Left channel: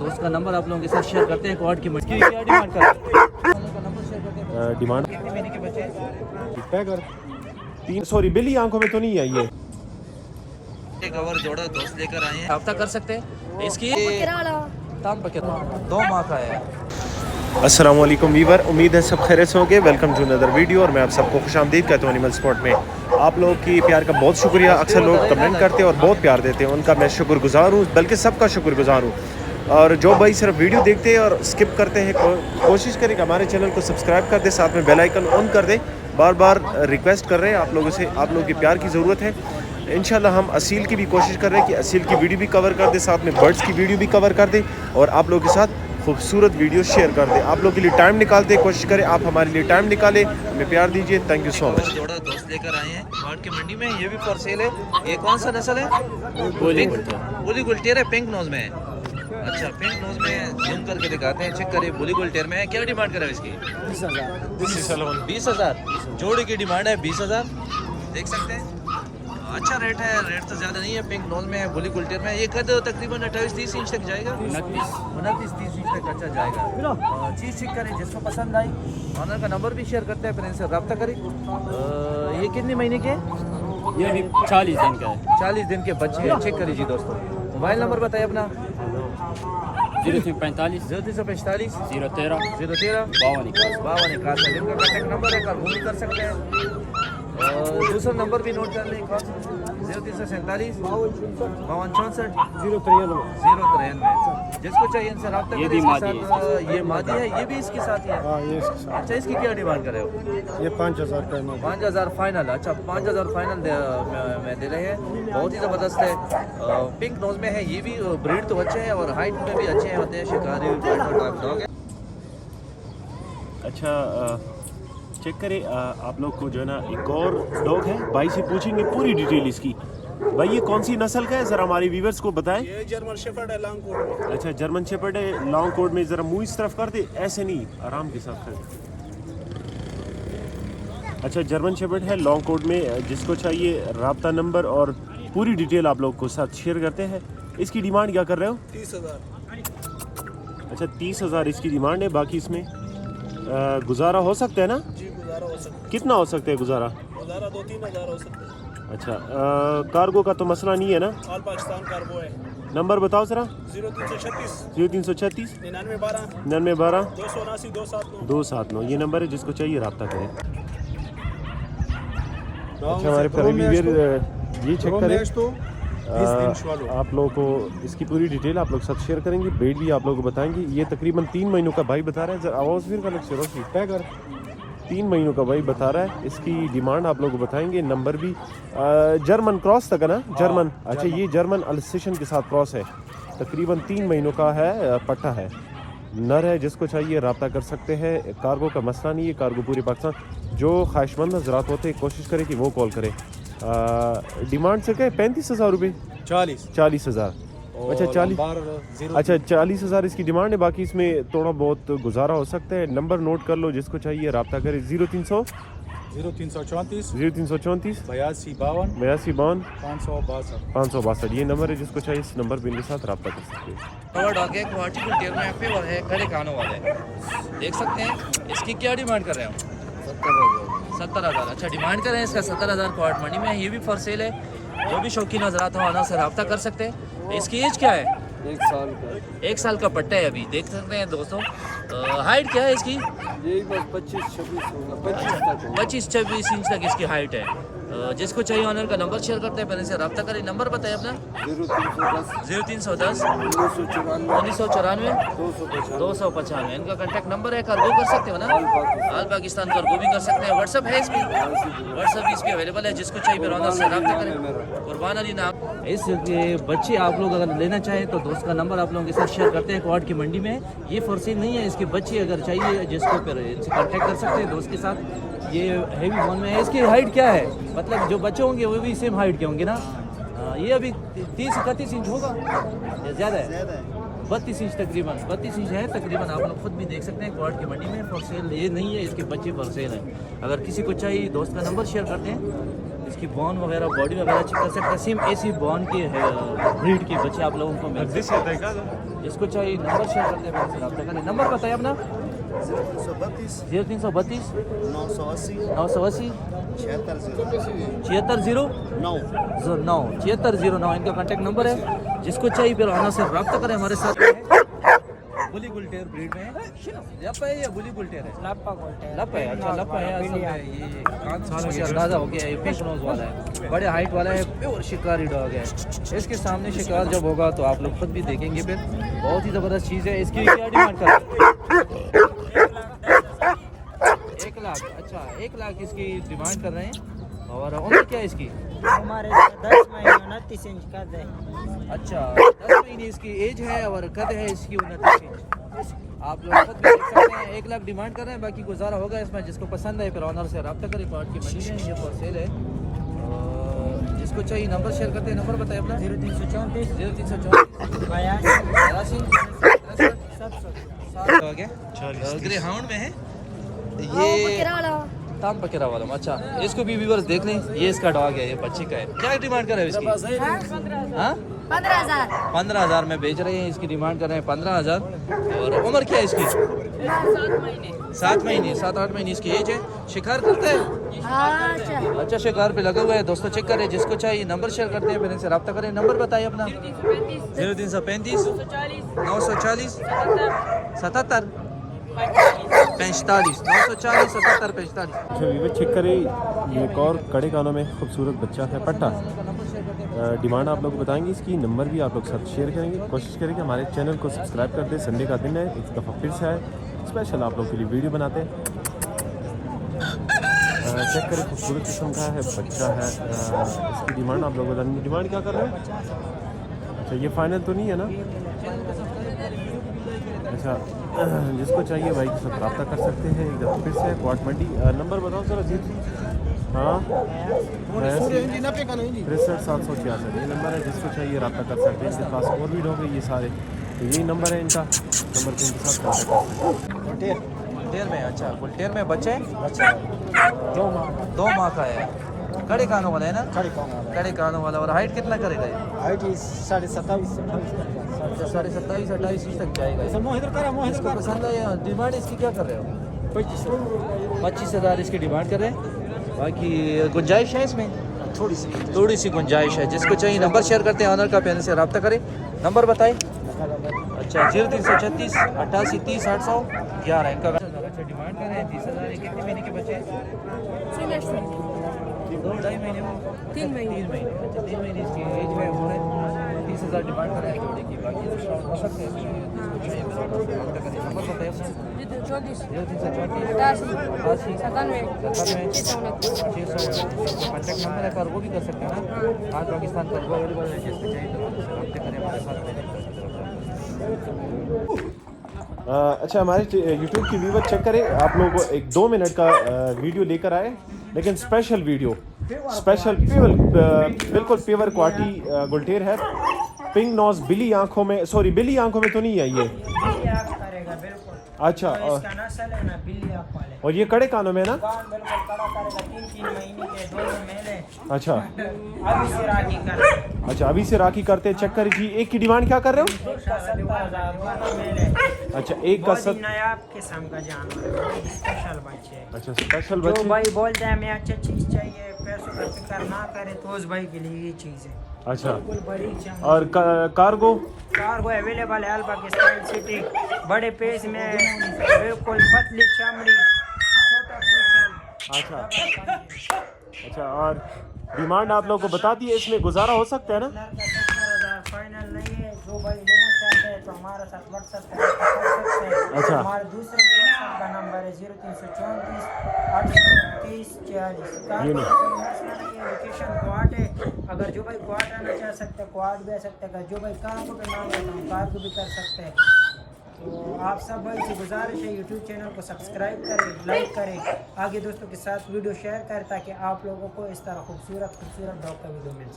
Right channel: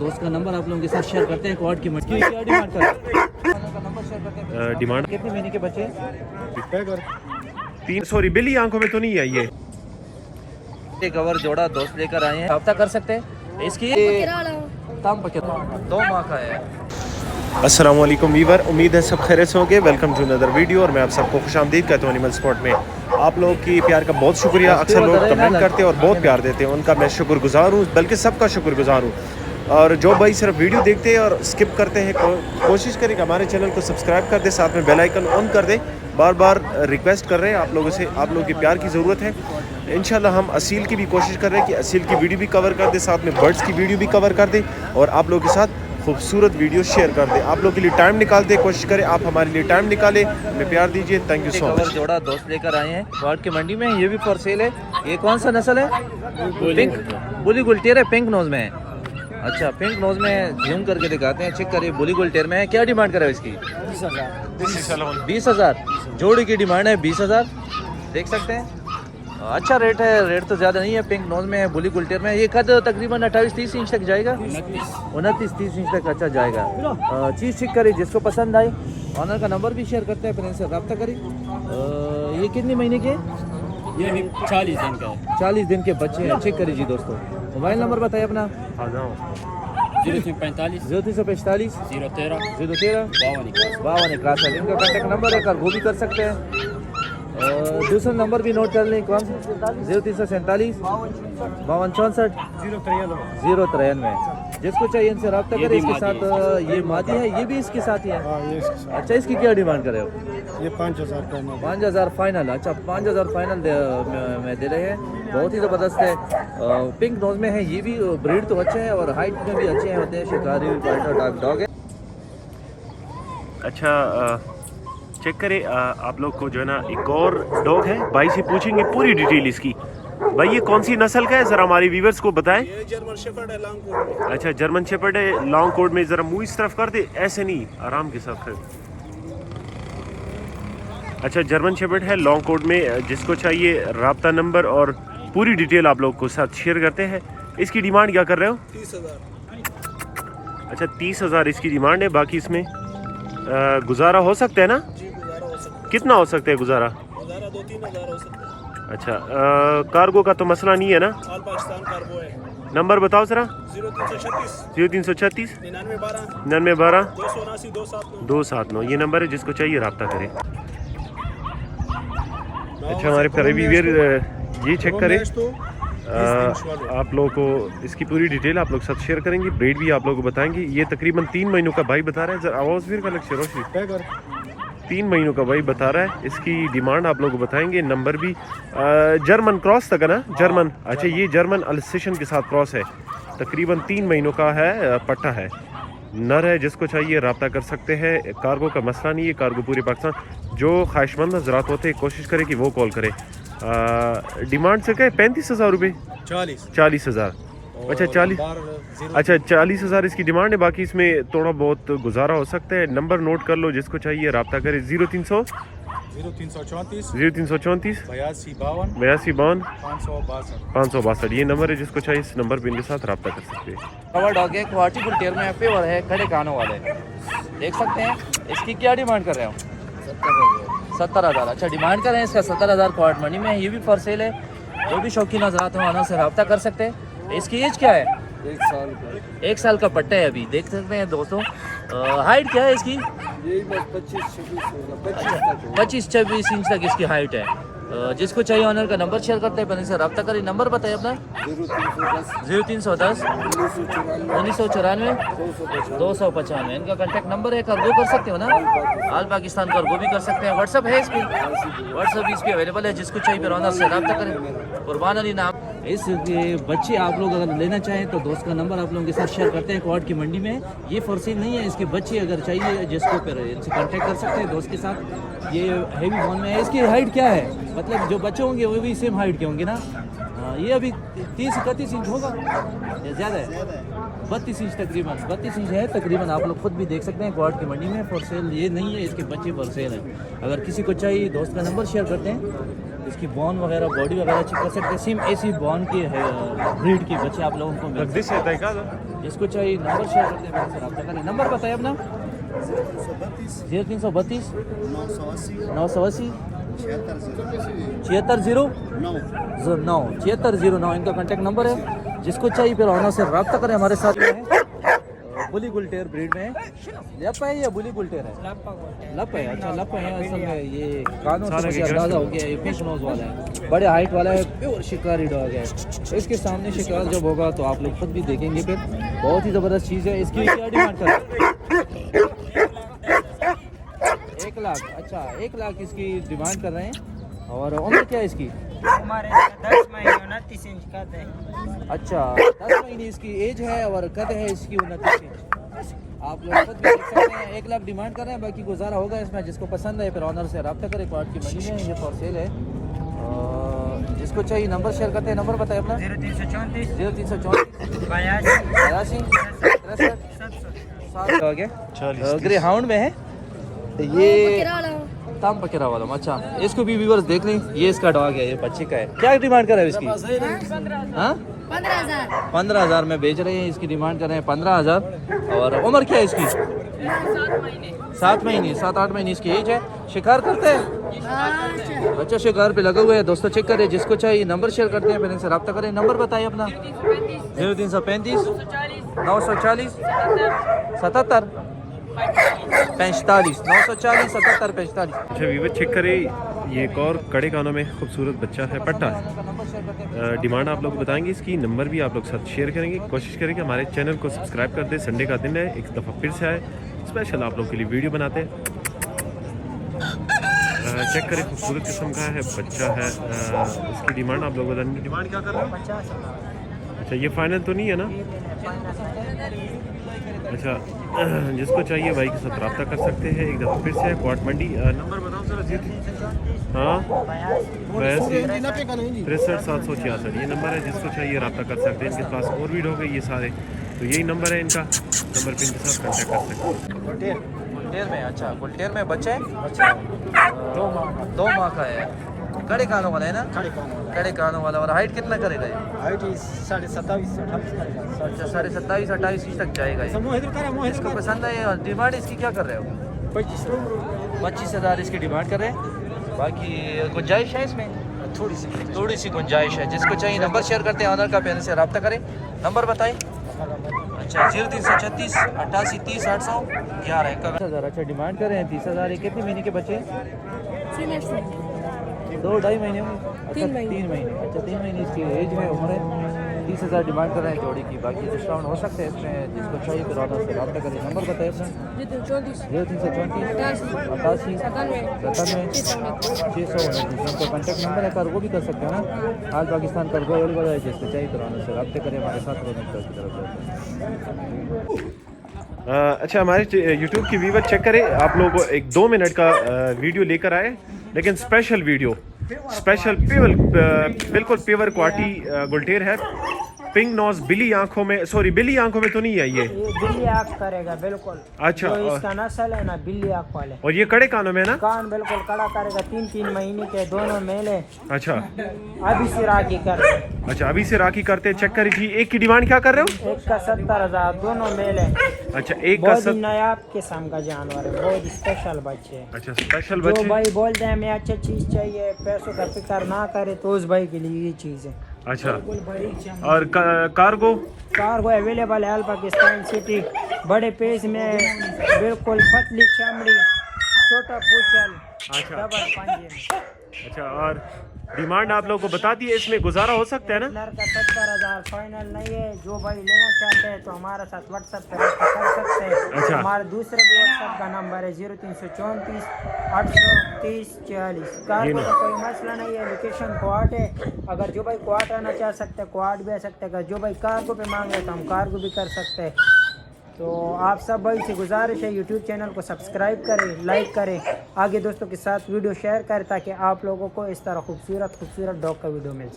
दोस्त का नंबर आप लोगों के साथ शेयर करते हैं। क्वाड की मछली क्या डिमांड कर डिमांड कितने महीने के बच्चे? 300 बिल्ली आंखों में तो नहीं आई है। कवर जोड़ा दोस्त लेकर आए हैं, रब्ता कर सकते हैं। इसकी दाम पर कितना? 2 माह का है। अस्सलाम वालेकुम वीवर, उम्मीद है सब खैरियत से होंगे। वेलकम टू अनदर वीडियो और मैं आप सबको खुशामदीद कहता हूँ एनिमल स्पॉट में। आप लोगों की प्यार का बहुत शुक्रिया। अक्सर लोग कमेंट करते हैं और बहुत प्यार देते हैं, उनका मैं शुक्रगुजार हूँ, बल्कि सबका शुक्रगुजार हूँ। और जो भाई सिर्फ वीडियो देखते हैं और स्किप करते हैं, कोशिश करें कि हमारे चैनल को सब्सक्राइब कर दे, साथ में बेल आइकन ऑन कर दे। बार बार रिक्वेस्ट कर रहे हैं आप लोगों से, आप लोगों की प्यार की ज़रूरत है। इंशाल्लाह हम असील की भी कोशिश कर रहे हैं कि असील की वीडियो भी कवर कर दे, साथ में बर्ड्स की वीडियो भी कवर कर दे और आप लोगों के साथ खूबसूरत वीडियो शेयर कर दे। आप लोगों के लिए टाइम निकालते, कोशिश करें आप हमारे लिए टाइम निकालें, हमें प्यार दीजिए। Thank you so much. जोड़ा दोस्त लेकर आए हैं क्वाड की मंडी में, ये भी फॉर सेल है। ये कौन सा नस्ल है? बुली गुलटेर है, पिंक नोज में है। अच्छा, पिंक नोज में झूम करके दिखाते हैं, चेक करिए। बुली गुलटेर में है। क्या डिमांड कर रहे हो इसकी? 20,000 जोड़ी की डिमांड है। 20,000 देख सकते हैं, अच्छा रेट है। रेट तो ज़्यादा नहीं है। पिंक नोज में है, बुली गुलटेर में। ये कद तकरीबन 28-30 इंच तक जाएगा, 29-30 इंच तक अच्छा जाएगा। चीज़ चेक करिए, जिसको पसंद आए ऑनर का नंबर भी शेयर करते हैं, फिर इनसे रब्ता करें। ये कितने महीने के? ये भी 40 दिन का है। 40 दिन के बच्चे हैं। चेक करिए जी दोस्तों। मोबाइल नंबर बताइए अपना। 0345 0345 013 013 52 इनका कॉन्टैक्ट नंबर है, वो भी कर सकते हैं। दूसरा नंबर भी नोट कर लें, कौन सा? 0347 52 64 093। जिसको चाहिए इनसे रब्ता करें। इसके साथ ये मादी है, ये भी इसके साथ ही है। अच्छा, इसकी क्या डिमांड कर रहे हो? ये 5,000 का है। 5,000 फाइनल। अच्छा, 5,000 फाइनल में दे रहे हैं। बहुत ही ज़बरदस्त है। पिंक नोज में है, ये भी ब्रीड तो अच्छे हैं और हाइट में भी अच्छे होते हैं। शिकारी। अच्छा, चेक करें आप लोग को जो है ना, एक और डॉग है। भाई से पूछेंगे पूरी डिटेल इसकी। भाई ये कौन सी नस्ल का है, ज़रा हमारे व्यूवर्स को बताएं। ये जर्मन शेफर्ड है, लॉन्ग कोट में। अच्छा, जर्मन शेफर्ड है, लॉन्ग कोट में। ज़रा मुंह इस तरफ कर दे, ऐसे नहीं, आराम के साथ कर। अच्छा, जर्मन शेफर्ड है, लॉन्ग कोट में। जिसको चाहिए राब्ता नंबर और पूरी डिटेल आप लोग को साथ शेयर करते हैं। इसकी डिमांड क्या कर रहे हो? 30,000। अच्छा, 30,000 इसकी डिमांड है। बाकी इसमें गुजारा हो सकता है ना? जी, गुजारा हो सकता है। कितना हो सकता है गुजारा? गुजारा 2-3 हज़ार हो सकता है। अच्छा, कार्गो का तो मसला नहीं है ना? ऑल पाकिस्तान कार्गो है। नंबर बताओ ज़रा। 0336 0336 9912 9912 279 279। 279 ये नंबर है, जिसको चाहिए रब्ता करें। अच्छा, हमारे प्यारे व्यूअर ये चेक करें। आप लोगों को इसकी पूरी डिटेल आप लोग साथ शेयर करेंगे, ब्रीड भी आप लोगों को बताएंगे। ये तकरीबन 3 महीनों का भाई बता रहा है। आवाज़ फिर का लक्ष्य रोशी 3 महीनों का भाई बता रहा है। इसकी डिमांड आप लोगों को बताएंगे। नंबर भी जर्मन क्रॉस तक है ना? जर्मन। अच्छा, ये जर्मन अल्सेशन के साथ क्रॉस है। तकरीबन 3 महीनों का है, पट्टा है, नर है। जिसको चाहिए रब्ता कर सकते हैं। कार्गो का मसला नहीं है, कार्गो पूरे पाकिस्तान। जो ख्वाहिशमंद हजरात होते हैं, कोशिश करें कि वो कॉल करें। डिमांड से क्या? 35,000 रुपये। 40,000। अच्छा, 40। अच्छा, 40,000 इसकी डिमांड है। बाकी इसमें थोड़ा बहुत गुजारा हो सकता है। नंबर नोट कर लो, जिसको चाहिए रब्ता करें। 0334 8352 562 ये नंबर है। जिसको चाहिए इस नंबर पर इनके साथ रब्ता कर सकते हैं। कवर डॉग है, क्वालिटी गुलटेर में पेवर है, खड़े कानों वाले देख सकते हैं। इसकी क्या डिमांड कर रहे हैं हम? 70,000। अच्छा, डिमांड कर रहे हैं इसका 70,000 क्वाड मंडी में। ये भी फॉर सेल है। जो भी शौकीन हजरात हैं उनसे रब्ता कर सकते हैं। इसकी एज क्या है? 1 साल का पट्टा है अभी, देख सकते हैं दोस्तों। हाइट क्या है इसकी? यही बस 25-26 इंच तक इसकी हाइट है। जिसको चाहिए ऑनर का नंबर शेयर करते हैं, फिर इनसे रब्ता करें। नंबर बताइए अपना। 0310 1994 295 इनका कॉन्टैक्ट नंबर है। कार्गो कर सकते हो ना? ऑल पाकिस्तान कार्गो भी कर सकते हैं। व्हाट्सअप है इस पर? व्हाट्सअप इस पर अवेलेबल है। जिसको चाहिए फिर ऑनर से रब्ता करें। कुर्बान अली नाम। इस बच्चे आप लोग अगर लेना चाहें तो दोस्त का नंबर आप लोगों के साथ शेयर करते हैं। क्वाड की मंडी में ये फॉर सेल नहीं है। इसके बच्चे अगर चाहिए, जिसको फिर इनसे कॉन्टैक्ट कर सकते हैं दोस्त के साथ। ये हेवी बोन में है। इसकी हाइट क्या है? मतलब जो बच्चे होंगे वो भी सेम हाइट के होंगे ना? ये अभी 30-31 इंच होगा या ज़्यादा है? 32 इंच तकरीबन 32 इंच है तकरीबन। आप लोग खुद भी देख सकते हैं। क्वाड की मंडी में फॉर सेल ये नहीं है, इसके बच्चे फॉर सेल हैं। अगर किसी को चाहिए, दोस्त का नंबर शेयर करते हैं। इसकी बॉन वगैरह, बॉडी वगैरह चेक कर सकते हैं। सेम ऐसी बॉन के ब्रीड के बच्चे आप लोगों को मिल सकते हैं। जिसको चाहिए नंबर शेयर करते हैं मेरे से रब्ता करें। नंबर बताइए अपना। 0332 980 7609 इनका कॉन्टैक्ट नंबर है। जिसको चाहिए फिर ऑनर से रब्ता करें हमारे साथ। बुली गुलटेर ब्रीड में लप है या बुली गुलटेर है? लप है। अच्छा लप है असल में ये कानों से अंदाजा हो गया, ये फिश नोज वाला है, बड़े हाइट वाला है, प्योर शिकारी डॉग है। इसके सामने शिकार जब होगा तो आप लोग खुद भी देखेंगे, फिर बहुत ही ज़बरदस्त चीज़ है। इसकी क्या डिमांड कर रहे हैं? 1 लाख। अच्छा 1 लाख इसकी डिमांड कर रहे हैं। और उम्र क्या है इसकी? हमारे 10 महीने 29 इंच कद है। अच्छा 10 महीने इसकी एज है और कद है इसकी 29 इंच। आप लोग खुद भी देख सकते हैं। 1 लाख डिमांड कर रहे हैं, बाकी गुजारा होगा इसमें। जिसको पसंद है फिर ऑनर से रब्ता करें। क्वार्ट की मशीन है, ये फॉर सेल है। और जिसको चाहिए नंबर शेयर करते हैं। नंबर बताइए अपना। 0334 0334 82 हो गया। 40 ग्रे हाउंड में है तो ये ताम पकेरा वाला। अच्छा इसको भी व्यूअर्स देख लें, ये इसका डॉग है, ये बच्चे का है। क्या डिमांड कर रहे हैं इसकी? 15,000 में बेच रहे हैं। इसकी डिमांड कर रहे हैं 15,000। और उम्र क्या है इसकी? 7 महीने 7-8 महीने इसकी एज है। शिकार करते हैं? अच्छा शिकार पे लगे हुए हैं दोस्तों। चेक करें। जिसको चाहिए नंबर शेयर करते हैं, फिर इनसे रब्ता करें। नंबर बताइए अपना। 0335 940 77 45 940 77 45। अच्छा वीवर चेक करें, ये एक और कड़े कानों में खूबसूरत बच्चा है पट्टा। डिमांड आप लोग को बताएंगे इसकी, नंबर भी आप लोग साथ शेयर करेंगे। कोशिश करेंगे हमारे चैनल को सब्सक्राइब कर दें। संडे का दिन है, एक दफ़ा फिर से आए, स्पेशल आप लोग के लिए वीडियो बनाते हैं। चेक करें, खूबसूरत किस्म का है बच्चा है। इसकी डिमांड आप लोग बताएंगे। डिमांड क्या कर रहे हैं? अच्छा ये फाइनल तो नहीं है ना? अच्छा जिसको चाहिए भाई के साथ रब्ता कर सकते हैं। एक दफ़ा फिर से है क्वार्ट मंडी। नंबर बताओ सर अजीत। हाँ 63,766 ये नंबर है। जिसको चाहिए रब्ता कर सकते हैं। इनके पास और भी डॉग है ये सारे, तो यही नंबर है इनका। नंबर पे इनके साथ कॉन्टैक्ट कर सकते हैं। गुलटेर में। अच्छा गुलटेर में बच्चे 2 माह का है। कड़े कानों वाला है ना? कड़े कानों वाला। और हाइट कितना करेगा ये? हाइट 27.5 अच्छा 27-28 इंच तक जाएगा ये। इसको पसंद है। डिमांड इसकी क्या कर रहे हो? 25,000 इसकी डिमांड कर रहे हैं। बाकी गुंजाइश है इसमें, थोड़ी सी गुंजाइश है। जिसको चाहिए नंबर शेयर करते हैं, ऑनर का पेन से रब्ता करें। नंबर बताएं। अच्छा 0336 88 30 811 इनका। अच्छा डिमांड कर रहे हैं 30,000। कितने महीने के बच्चे? 2-2.5 महीने में 3 महीने। अच्छा 3 महीने इसकी एज है, उम्र है। 30,000 डिमांड कर रहे हैं जोड़े की। बाकी डिस्काउंट हो सकते हैं इसमें। जिसको चाहिए नंबर बताइए। कॉन्टैक्ट नंबर है, वो भी कर सकते हैं ना। आज पाकिस्तान का गोल बड़ा है। जिसको चाहिए तो रब्ते करें हमारे साथ। अच्छा हमारे यूट्यूब की व्यूवर चेक करें। आप लोगों को एक 2 मिनट का वीडियो लेकर आए, लेकिन स्पेशल वीडियो, स्पेशल बिल्कुल प्योर क्वालिटी गुलटेर है। पिंक नोज बिली आंखों में, सॉरी बिली आंखों में तो नहीं है ये? बिल्ली आँख करेगा बिल्कुल। अच्छा जो इसका नस्ल है ना बिल्ली आँख वाले। और ये कड़े कानों में ना? कान बिल्कुल कड़ा करेगा। 3-3 महीने के दोनों मेले। अच्छा अभी से राखी कर। अच्छा अभी से राखी करते। चेक करें जी। एक की डिमांड क्या कर रहे हो? एक का 70,000 दोनों मेले। अच्छा एक का बहुत ही नायाब किस्म का जानवर, बहुत स्पेशल बच्चे। अच्छा स्पेशल जो बच्चे। भाई बोलते हैं हमें अच्छी चीज चाहिए, पैसों का फिक्र ना करे, तो उस भाई के लिए ये चीज़ है। अच्छा बिल्कुल बड़ी चमक। और कार्गो? कार्गो अवेलेबल है पाकिस्तान सिटी, बड़े पेज में, बिल्कुल पतली चमड़ी, छोटा पूछल। अच्छा डबल पंजे। अच्छा और डिमांड आप लोगों को बता दी है, इसमें गुजारा हो सकता है ना? कलर का 70,000 फाइनल नहीं है। जो भाई लेना चाहते हैं तो हमारे साथ व्हाट्सएप पर रब्ता कर सकते हैं। अच्छा। हमारे दूसरे व्हाट्सएप का नंबर है 0334 830 40। कार्गो में कोई मसला नहीं है। लोकेशन क्वाड है। अगर जो भाई क्वाड आना चाह सकते हैं क्वाड भी आ सकते हैं। अगर जो भाई कार्गो पे मांग लेता हूँ कार्गो भी कर सकते हैं। तो आप सब भाई से गुजारिश है यूट्यूब चैनल को सब्सक्राइब करें, लाइक करें, आगे दोस्तों के साथ वीडियो शेयर करें, ताकि आप लोगों को इस तरह खूबसूरत डॉग का वीडियो मिल सके।